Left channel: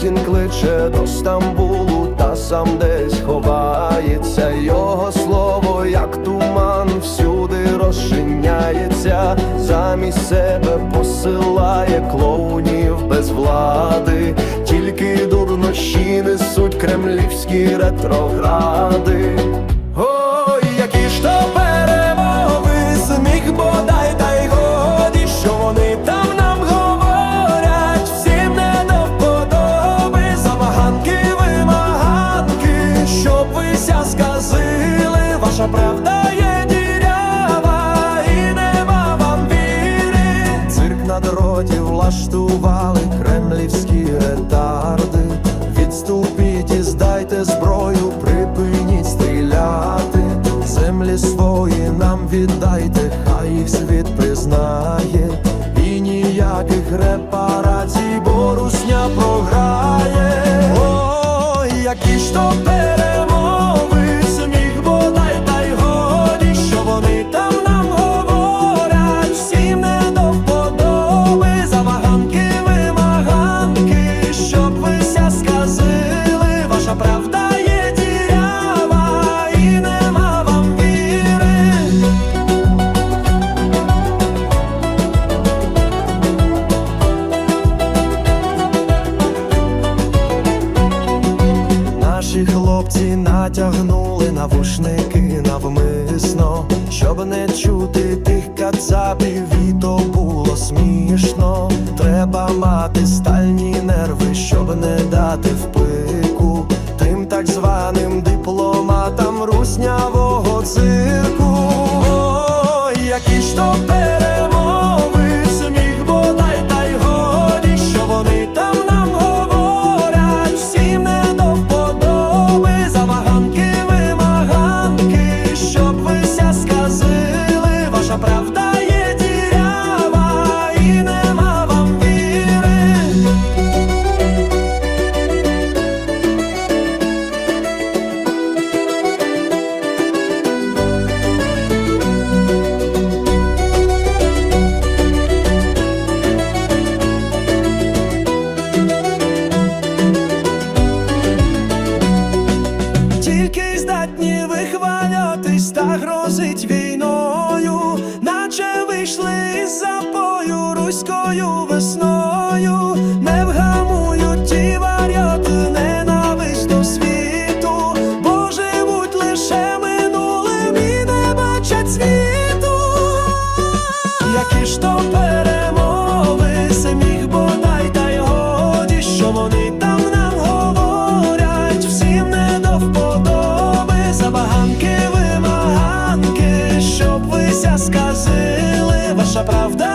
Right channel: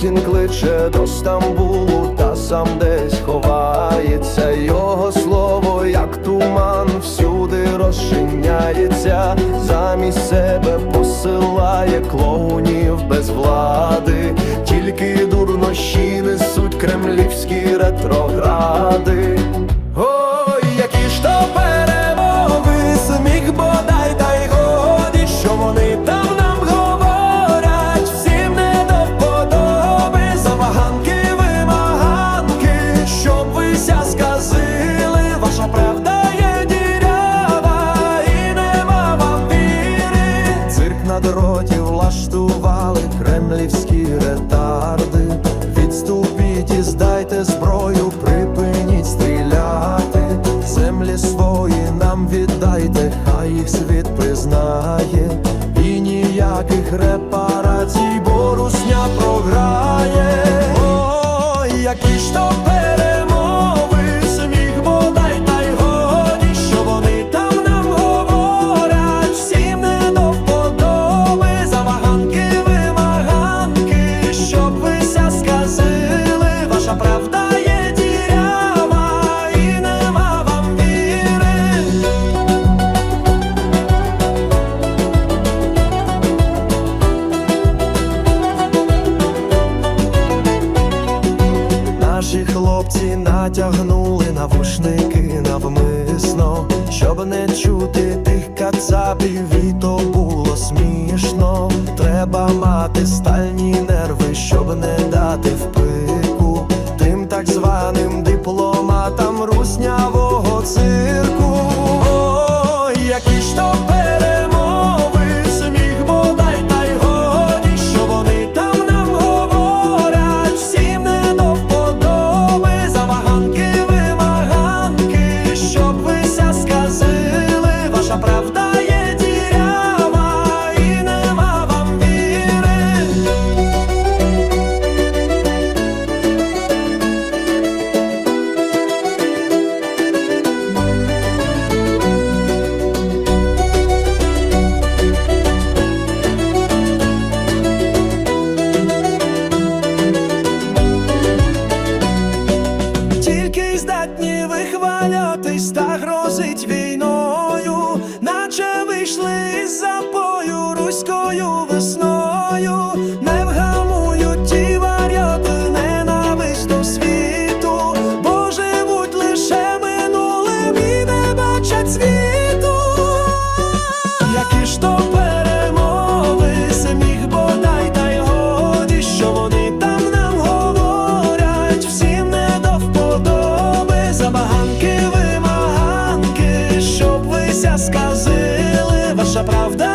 Путін кличе до Стамбулу, та сам десь ховається. Його слово, як туман, всюди розчиняється, замість себе посилає клоунів без влади, тільки дурнощі несуть кремлівські ретрогради. Ой, які ж то перемови, сміх бодай влаштували кремлівські ретарди. Відступіть і здайте зброю, припиніть стріляти. Землі свої нам віддайте, хай їх світ признає. І ніяких репарацій, бо русня програє. Ой, які ж то перемови, сміх бодай та й годі, що вони ваша правда є дірява, і нема вам віри. Наші хлопці натягнули навушники навмисно, щоб не чути тих кацапів, і то було смішно. Треба мати стальні нерви, щоб не дати тим так званим дипломатам руснявого цирку. Ой, які ж то перемови, сміх бодай та й годі, що вони там нам говорять, всім не до вподоби, забаганки, вимаганки, щоб вися сказили, ваша правда вихвалятись грозить війною, наче вийшли із запою руською весною. nasza prawda